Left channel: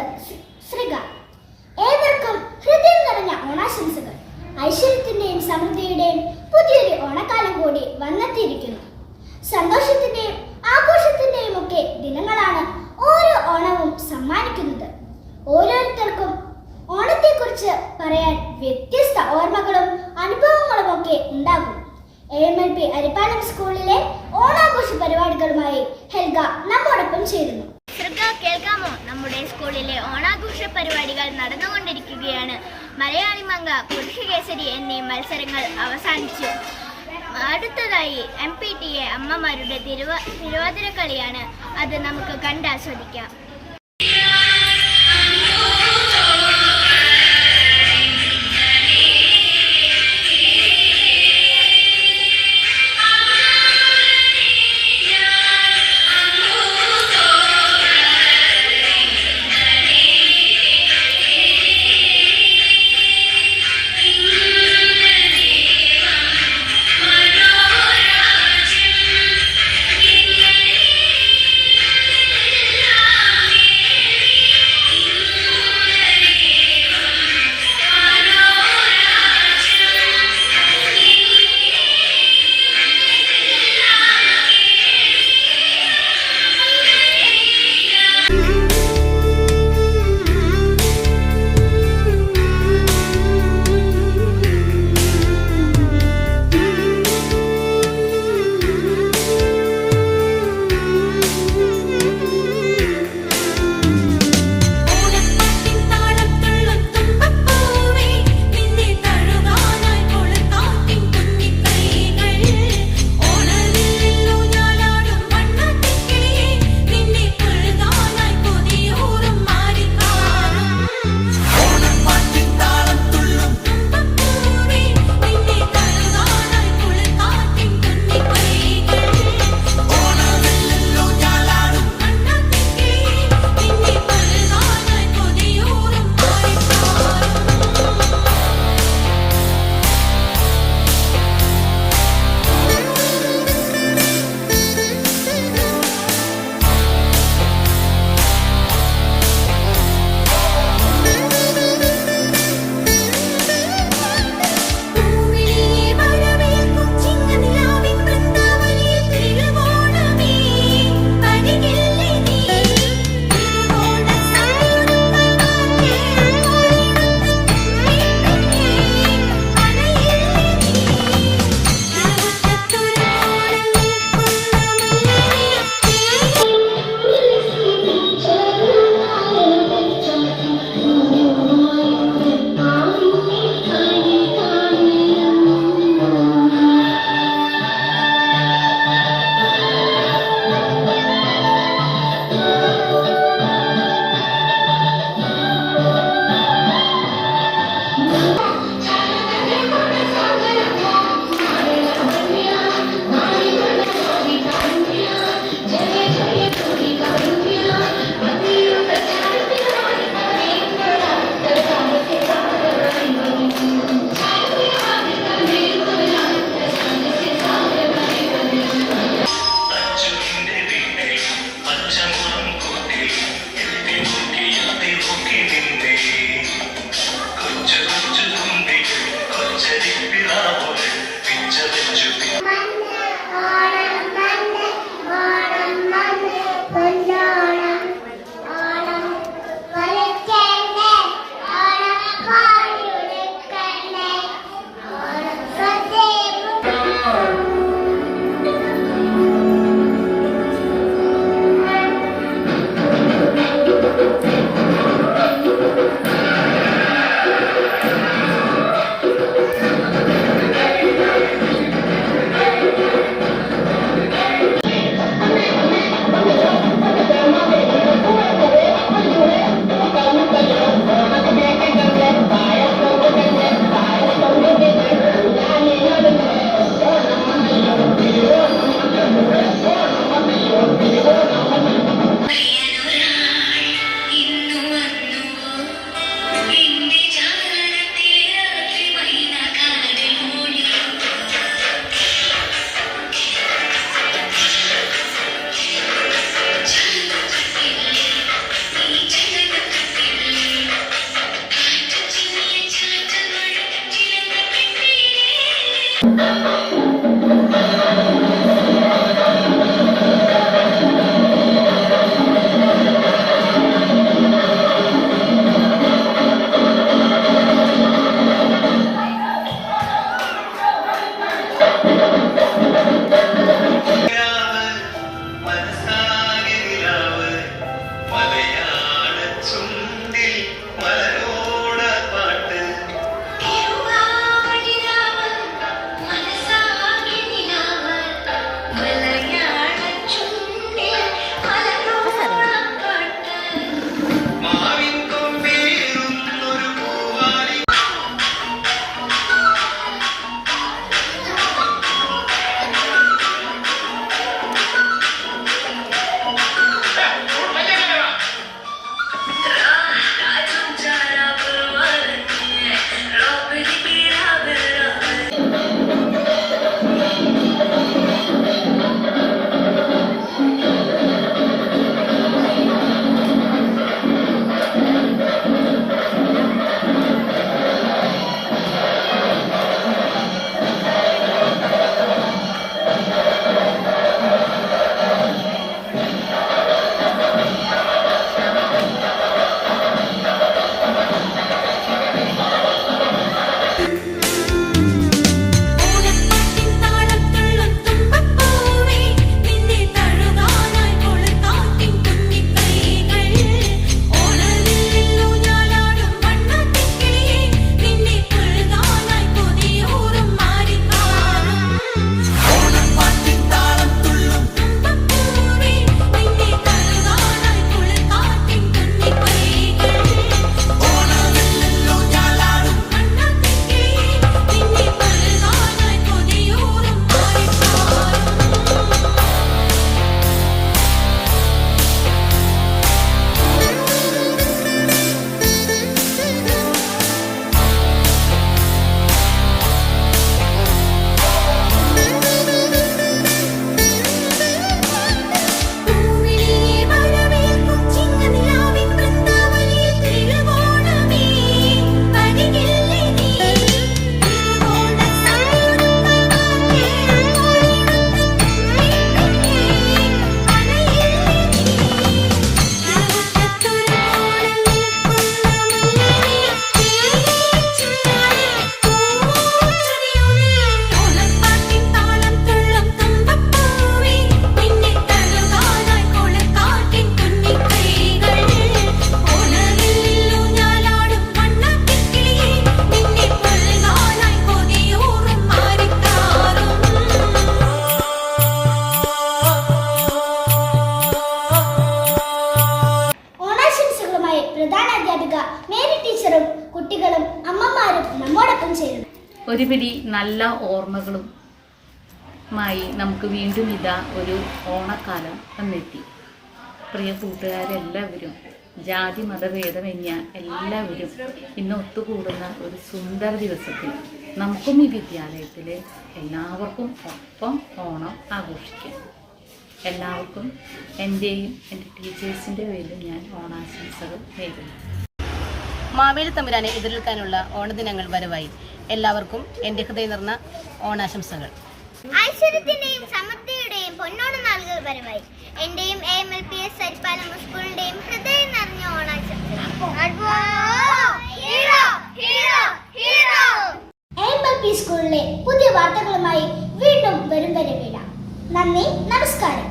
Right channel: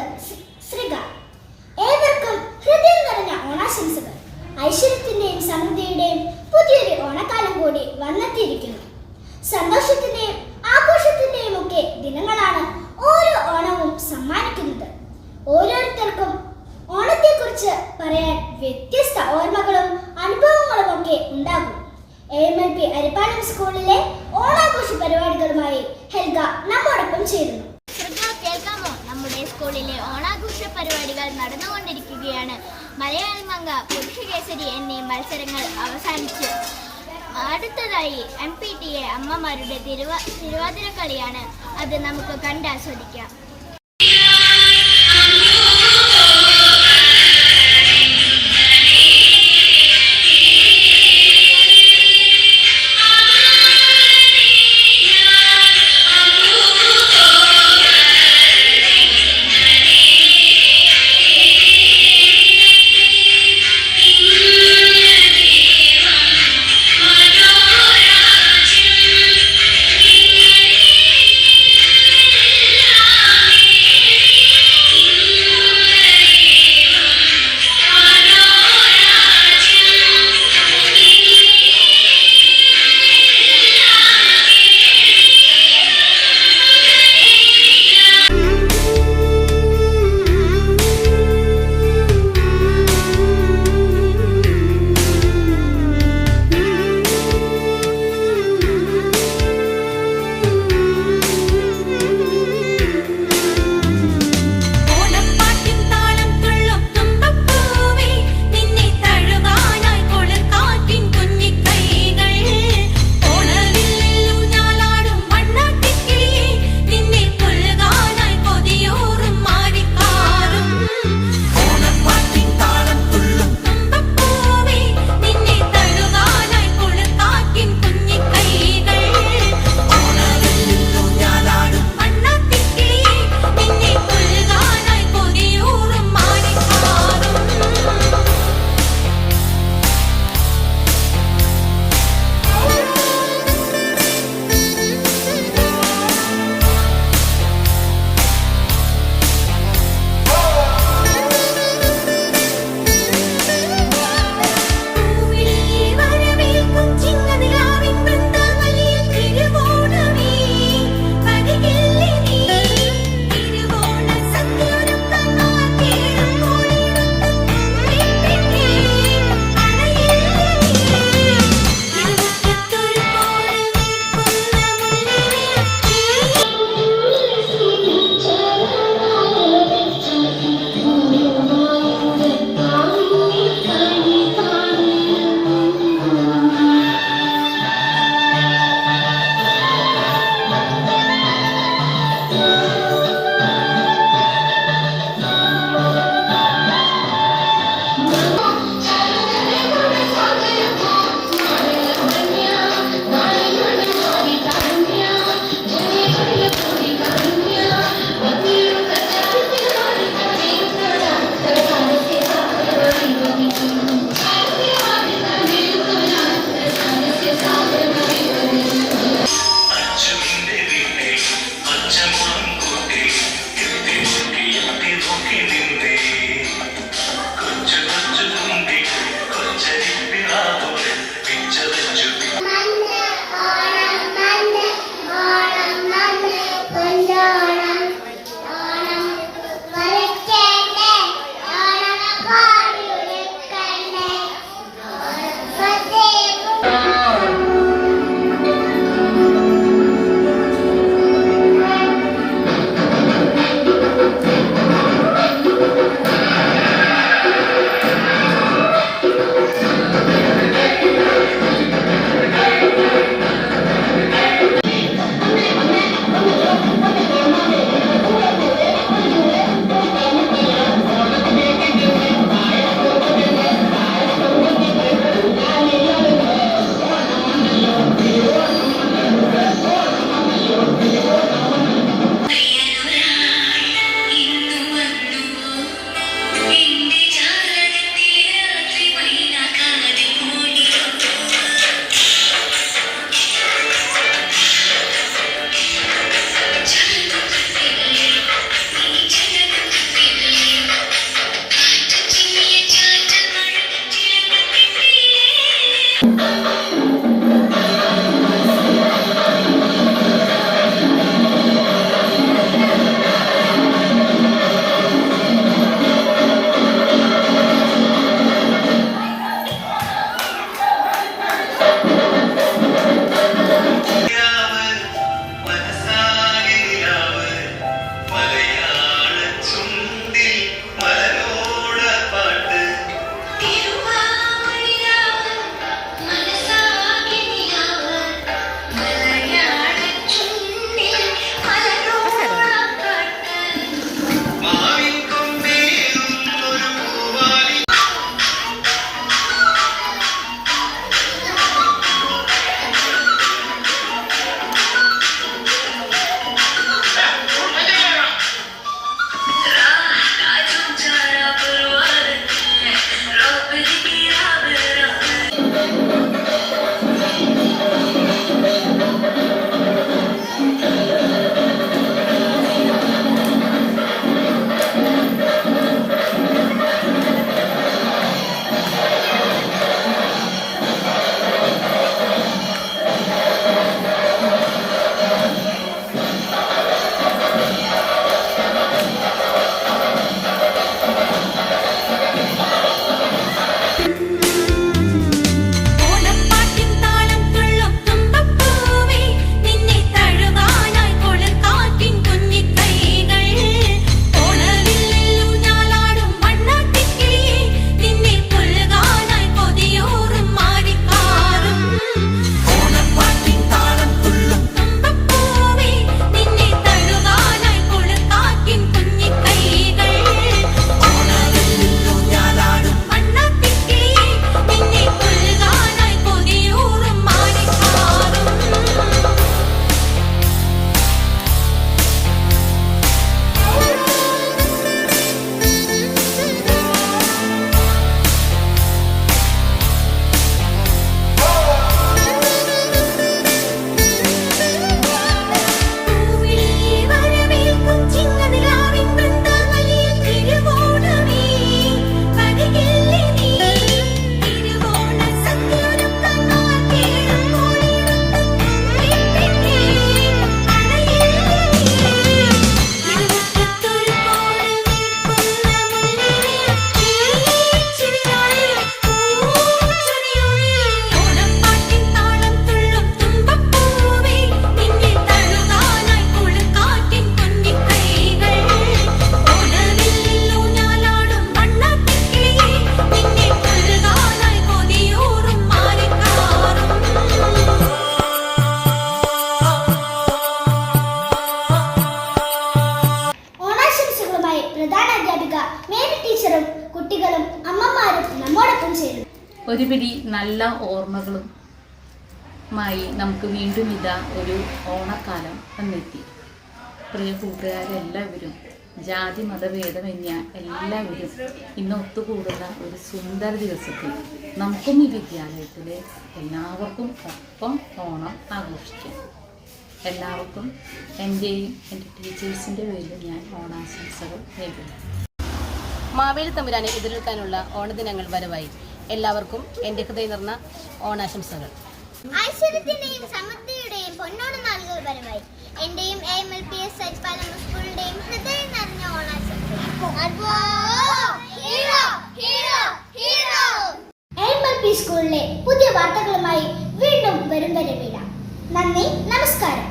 അവതരിപ്പിക്കുന്നത് ശ്രീക. ഏവർക്കും ഹൃദയം നിറഞ്ഞ ഓണാശംസകൾ. ഐശ്വര്യത്തിന്റെയും സമൃദ്ധിയുടെയും പുതിയൊരു ഓണക്കാലം കൂടി വന്നെത്തിയിരിക്കുന്നു. സന്തോഷത്തിന്റെയും ആഘോഷത്തിന്റെയും ഒക്കെ ദിനങ്ങളാണ് ഓരോ ഓണവും സമ്മാനിക്കുന്നത്. ഓരോരുത്തർക്കും ഓണത്തെക്കുറിച്ച് പറയാൻ വ്യത്യസ്ത ഓർമ്മകളും അനുഭവങ്ങളും ഒക്കെ ഉണ്ടാകും. AMLP അരിപ്പാലം സ്കൂളിലെ ഓണാഘോഷ പരിപാടികളുമായി ഹെൽഗ നമ്മോടൊപ്പം ചേരുന്നു. കേൾക്കാമോ? നമ്മുടെ സ്കൂളിലെ ഓണാഘോഷ പരിപാടികൾ നടന്നുകൊണ്ടിരിക്കുകയാണ്. മലയാളി മംഗ, പുരുഷ കേസരി എന്നീ മത്സരങ്ങൾ അവസാനിച്ചു. അടുത്തതായി MPTA അമ്മമാരുടെ തിരുവാതിര കളിയാണ്. അത് നമുക്ക് കണ്ടാസ്വദിക്കാം. വാർത്തകളുമായി പ്രധാന അധ്യാപിക മേരി ടീച്ചറും കുട്ടികളും അമ്മമാരും നമ്മോടൊപ്പം ചേരുന്നു. ഒരു പിടി നല്ല ഓർമ്മകളും മായി നമുക്ക് വീണ്ടും ഇതാ ഒരു ഓണക്കാലം വന്നെത്തി. പ്രിയ കൂട്ടുകാരെല്ലാവരും, ജാതി മതഭേദമന്യേ എല്ലാവരും ഇന്ന് ഒത്തുകൂടുന്ന ഒരു സുന്ദര ദിവസത്തിൽ നമുക്കും ഈ വിദ്യാലയത്തിൽ എല്ലാവർക്കും ഒപ്പം ഓണം ആഘോഷിക്കാം. എല്ലാവർക്കും എൻ്റെയും എൻ്റെ ടീച്ചേഴ്സിൻ്റെ പേരിൽ ഞാൻ ഓണാശംസകൾ നേരുന്നു. മാവേലി തമ്പുരാനെ എതിരേൽക്കാനുള്ള ഓണദിനങ്ങൾ വരവായി. എല്ലാവർക്കും എൻ്റെ ഹൃദയം നിറഞ്ഞ ഓണാശംസകൾ. ഐശ്വര്യത്തിന്റെയും സമൃദ്ധിയുടെയും പൊന്നോണ നാളുകൾ വരവായി. എന്റെയും AMLPS സരിപ്പാലം സ്കൂളിന്റെയും ഹൃദയം നിറഞ്ഞ ഓണാശംസകൾ. AMLP സ്കൂളിലെ പുതിയ വാർത്തകളുമായി വീണ്ടും വരും വരെ വീഴാം. നന്ദി, നമസ്കാരം.